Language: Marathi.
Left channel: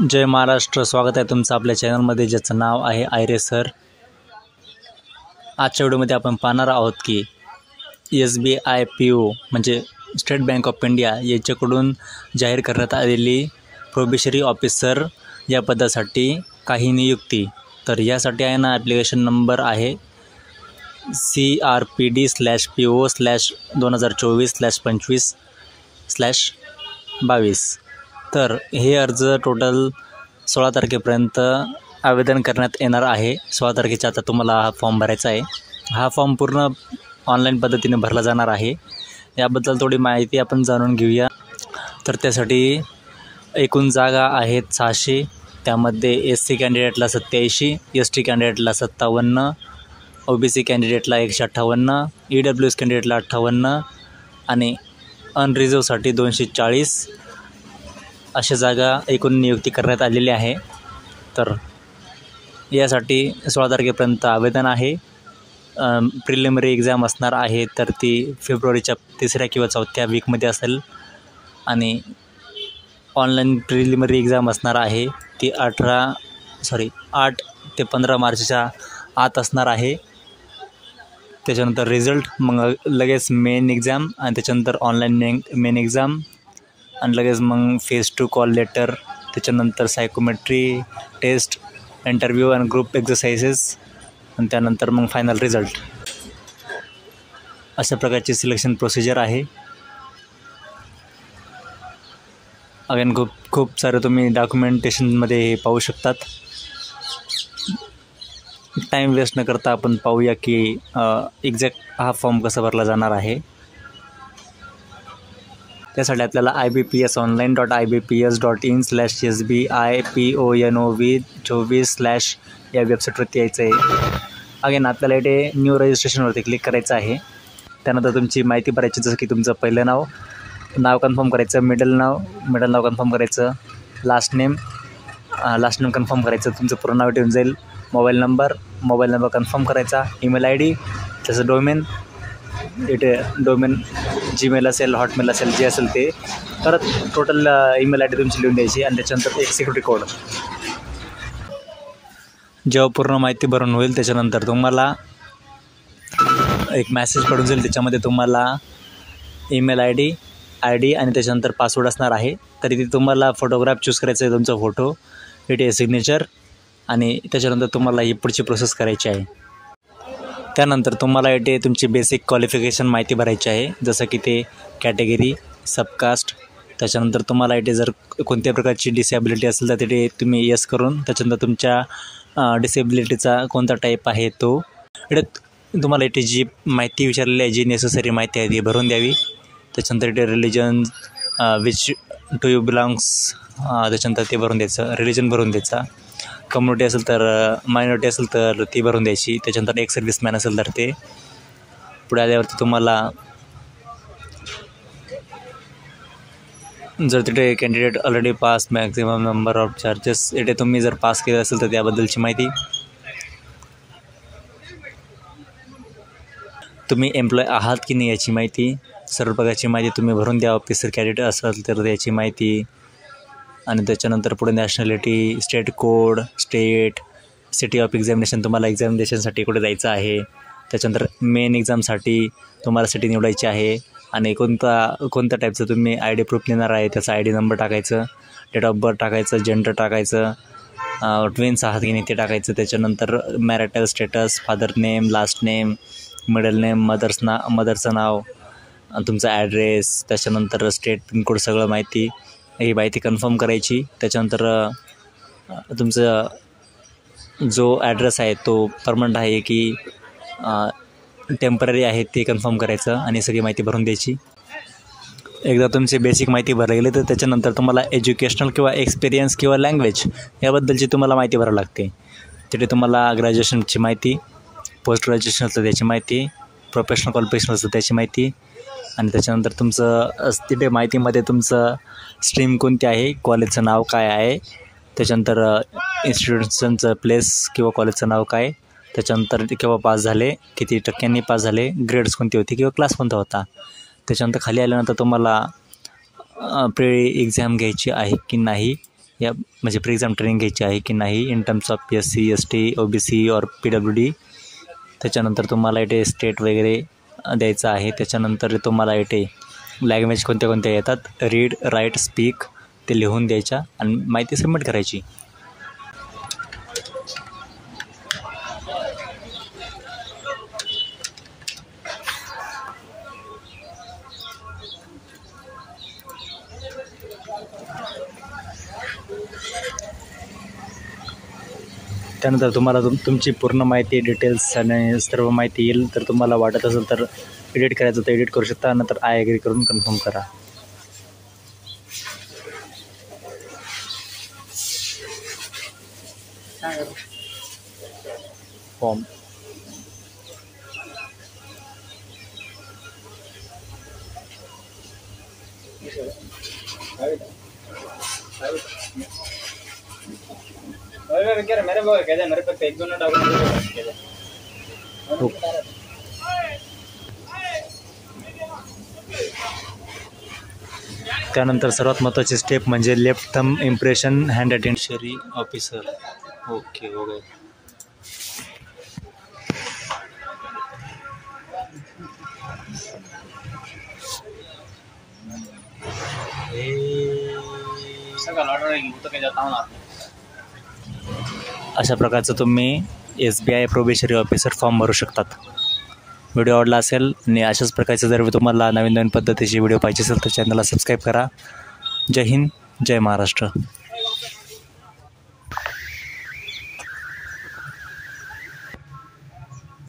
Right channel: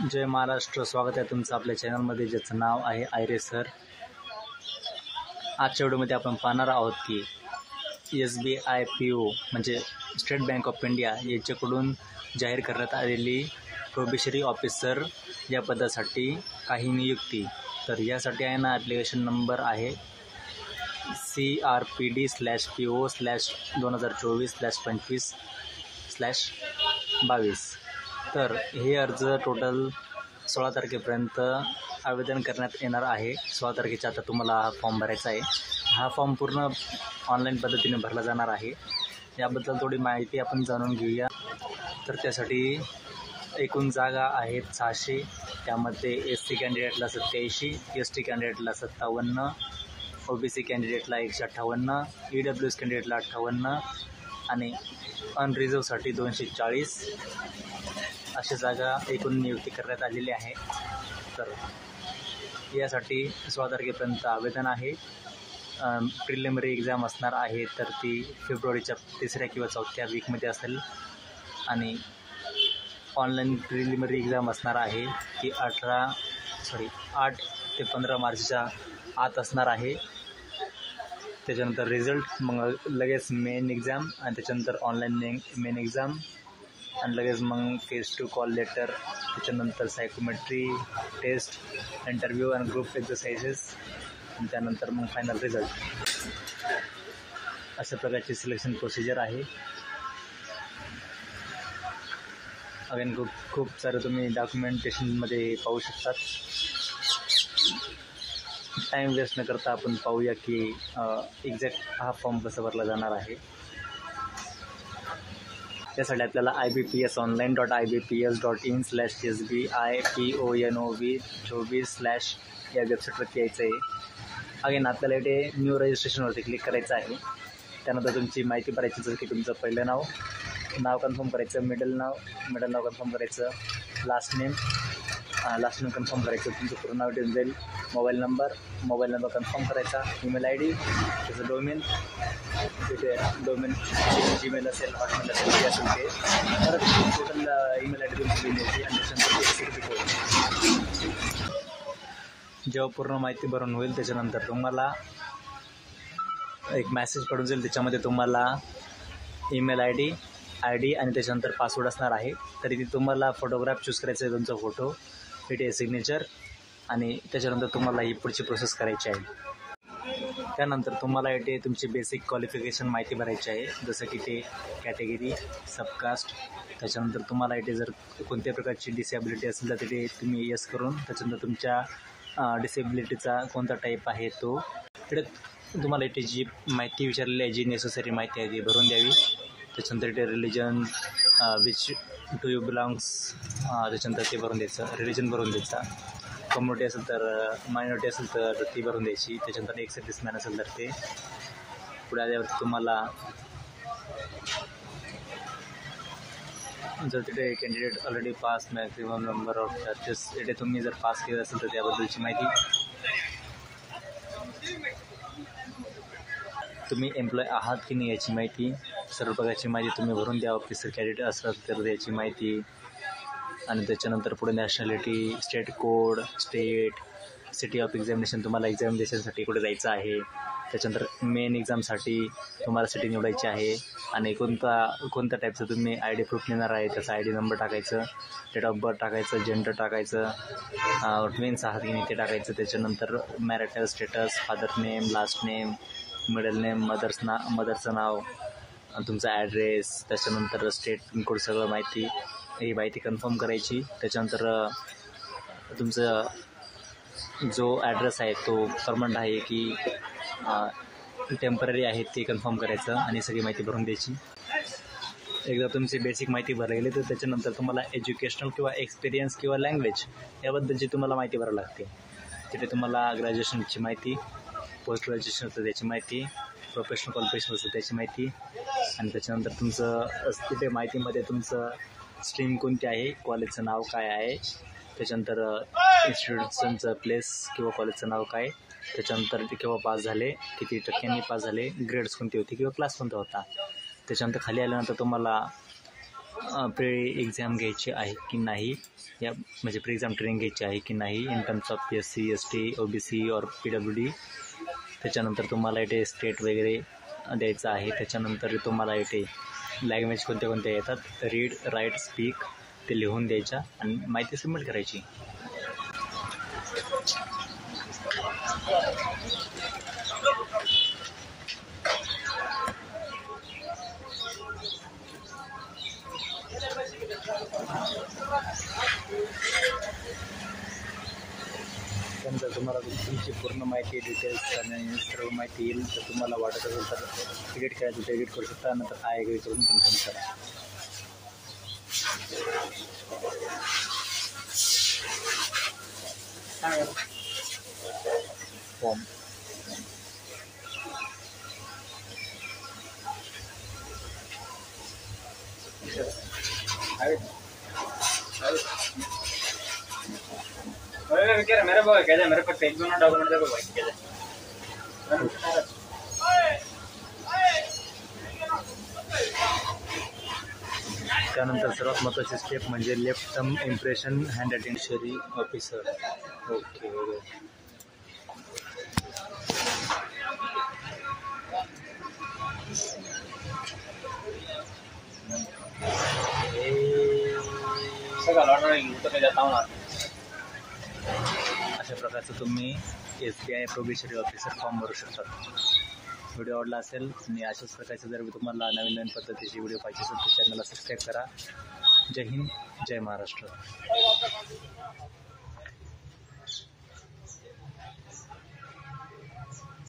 जय महाराष्ट्र. स्वागत आहे तुमचं आपल्या चॅनलमध्ये, ज्याचं नाव आहे आयरे सर. आजच्या व्हिडिओमध्ये आपण पाहणार आहोत की SBI PO म्हणजे स्टेट बँक ऑफ इंडिया याच्याकडून जाहीर करण्यात आलेली प्रोबेशनरी ऑफिसर या पदासाठी काही नियुक्ती. तर यासाठी आहे ना, ॲप्लिकेशन नंबर आहे CRPD/PO/2024/25/22. तर हे अर्ज टोटल 16 तारखेपर्यंत आवेदन करण्यात येणार आहे. 16 तारखेच्या आता तुम्हाला हा फॉर्म भरायचा आहे. हा फॉर्म पूर्ण ऑनलाईन पद्धतीने भरला जाणार आहे. याबद्दल थोडी माहिती आपण जाणून घेऊया. तर त्यासाठी एकूण जागा आहेत 600. त्यामध्ये SC कॅन्डिडेटला 87, ST कॅन्डिडेटला 57, OBC कॅन्डिडेटला 158, EWS कॅन्डिडेटला 58 आणि अनरिझर्वसाठी 240 अशा जागा एकूण नियुक्ती करण्यात आलेली आहे. तर यासाठी 16 तारखेपर्यंत आवेदन आहे. प्रिलिमिनरी एक्झाम असणार आहे, तर ती फेब्रुवारीच्या 3ऱ्या किंवा 4थ्या वीकमध्ये असेल. आणि ऑनलाईन प्रिलिमिनरी एक्झाम असणार आहे, ती 8 ते 15 मार्चच्या आत असणार आहे. त्याच्यानंतर रिझल्ट, मग लगेच मेन एक्झाम आणि त्याच्यानंतर ऑनलाईन मेन एक्झाम आणि लगेच मग फेज 2 कॉल लेटर. त्याच्यानंतर सायकोमेट्री टेस्ट, इंटरव्ह्यू आणि ग्रुप एक्झरसाइजेस आणि त्यानंतर मग फायनल रिझल्ट. अशा प्रकारची सिलेक्शन प्रोसिजर आहे. अगेन खूप सारे तुम्ही डॉक्युमेंटेशनमध्ये हे पाहू शकतात. टाईम वेस्ट न करता आपण पाहूया की एक्झॅक्ट हा फॉर्म कसा भरला जाणार आहे. त्यासाठी आपल्याला ibps.online.ibps.in/SBIPONOV24/ या वेबसाईटवरती यायचं आहे. अगेन आपल्याला इथे न्यू रजिस्ट्रेशनवरती क्लिक करायचं आहे. त्यानंतर तुमची माहिती भरायची, जसं की तुमचं पहिलं नाव कन्फर्म करायचं, मिडल नाव कन्फर्म करायचं, लास्ट नेम कन्फर्म करायचं, तुमचं पूर्ण नाव ठेवून जाईल. मोबाईल नंबर कन्फर्म करायचा, ईमेल ID, त्याचं डोमेन जीमेल असेल, हॉटमेल असेल, जे असेल ते. परत टोटल ईमेल ID तुमची लिहून द्यायची आणि त्याच्यानंतर एक सिक्युरिटी कोड. जेव्हा पूर्ण माहिती भरून होईल त्याच्यानंतर तुम्हाला एक मॅसेज पडून जाईल. त्याच्यामध्ये तुम्हाला ईमेल ID आणि त्याच्यानंतर पासवर्ड असणार आहे. तरी ते तुम्हाला फोटोग्राफ चूज करायचं आहे, तुमचा फोटो, इथे सिग्नेचर, आणि त्याच्यानंतर तुम्हाला ही पुढची प्रोसेस करायची आहे. त्यानंतर तुम्हाला इथे तुमची बेसिक क्वालिफिकेशन माहिती भरायची आहे, जसं की ते कॅटेगरी, सबकास्ट. त्याच्यानंतर तुम्हाला इथे जर कोणत्या प्रकारची डिसेबिलिटी असेल तर तिथे तुम्ही येस करून त्याच्यानंतर तुमच्या डिसेबिलिटीचा कोणता टाईप आहे तो इथे तुम्हाला इथे जी माहिती विचारलेली आहे, जी नेसेसरी माहिती आहे ती भरून द्यावी. त्याच्यानंतर इथे religion which to you belongs, त्याच्यानंतर ते भरून द्यायचं, रिलिजन भरून द्यायचा. कम्युनिटी असेल तर, मायनॉरिटी असेल तर ती भरून द्यायची. त्याच्यानंतर एक सर्व्हिसमॅन असेल तर ते. पुढे आल्यावरती तुम्हाला जर तिथे candidate already pass, maximum number of charges, इथे तुम्ही जर पास केलं असेल तर त्याबद्दलची माहिती. तुम्ही एम्प्लॉय आहात की नाही याची माहिती, सर्व प्रकारची माहिती तुम्ही भरून द्या. ऑफिसर कॅन्डिडेट असेल तर त्याची माहिती. आणि त्याच्यानंतर पुढे nationality, state code, state, city of examination, तुम्हाला एक्झामिनेशनसाठी कुठे जायचं आहे. त्याच्यानंतर मेन एक्झामसाठी तुम्हाला सिटी निवडायची आहे आणि कोणत्या टाईपचं तुम्ही ID प्रूफ नेणार आहे त्याचा ID नंबर टाकायचं, डेट ऑफ बर्थ टाकायचं, जेंडर टाकायचं, ट्विन्स आहात की नाही ते टाकायचं. त्याच्यानंतर marital status, father name, last name, middle name, मदरचं नाव, तुमचा ॲड्रेस, त्याच्यानंतर स्टेट पिनकोड, सगळं माहिती, ही माहिती कन्फर्म करायची. त्याच्यानंतर तुमचं जो ॲड्रेस आहे तो परमनंट आहे की टेम्पररी आहे ते कन्फर्म करायचं आणि सगळी माहिती भरून द्यायची. एकदा तुमची बेसिक माहिती भरली गेली तर त्याच्यानंतर तुम्हाला एज्युकेशनल किंवा एक्सपिरियन्स किंवा लँग्वेज याबद्दलची तुम्हाला माहिती भरावी लागते. तिथे तुम्हाला ग्रॅज्युएशनची माहिती, पोस्ट ग्रॅज्युएशन असतं त्याची माहिती, प्रोफेशनल क्वालिफिकेशन असतं त्याची माहिती, आणि त्याच्यानंतर तुमचं तिथे माहितीमध्ये तुमचं स्ट्रीम कोणती आहे, कॉलेजचं नाव काय आहे, त्याच्यानंतर इन्स्टिट्यूशनचं प्लेस किंवा कॉलेजचं नाव काय, त्याच्यानंतर ते केव्हा पास झाले, किती टक्क्यांनी पास झाले, ग्रेड्स कोणती होती किंवा क्लास कोणता होता. त्याच्यानंतर खाली आल्यानंतर तुम्हाला प्री एक्झाम घ्यायची आहे की नाही या म्हणजे प्री एक्झाम ट्रेनिंग घ्यायची आहे की नाही in terms of SC ST OBC और PWD. त्याच्यानंतर तुम्हाला इथे स्टेट वगैरे द्यायचं आहे. त्याच्यानंतर तुम्हाला इथे लँग्वेज कोणत्या कोणत्या येतात, रीड राईट स्पीक ते लिहून द्यायच्या आणि माहिती सबमिट करायची. त्यानंतर तुम्हाला तुमची पूर्ण माहिती डिटेल्स आणि सर्व माहिती येईल. तर तुम्हाला वाटत असेल तर एडिट करायचं तर एडिट करू शकता, नंतर आय ॲग्री करून कन्फर्म करा. फॉर्म मेरे पास एक दोनों डॉक्यूमेंट. त्यानंतर सर्वात महत्त्वाची स्टेप म्हणजे लेफ्ट थंब इम्प्रेशन हँड अटेंशरी ऑफिसर. Okay okay. अशा प्रकारचं तुम्ही SBI प्रोबेशनरी ऑफिसर फॉर्म भरू शकतात. व्हिडिओ आवडला असेल आणि अशाच प्रकारचे जर तुम्हाला नवीन नवीन पद्धतीचे व्हिडिओ पाहिजे असेल तर चॅनलला सबस्क्राईब करा. जय हिंद, जय महाराष्ट्र.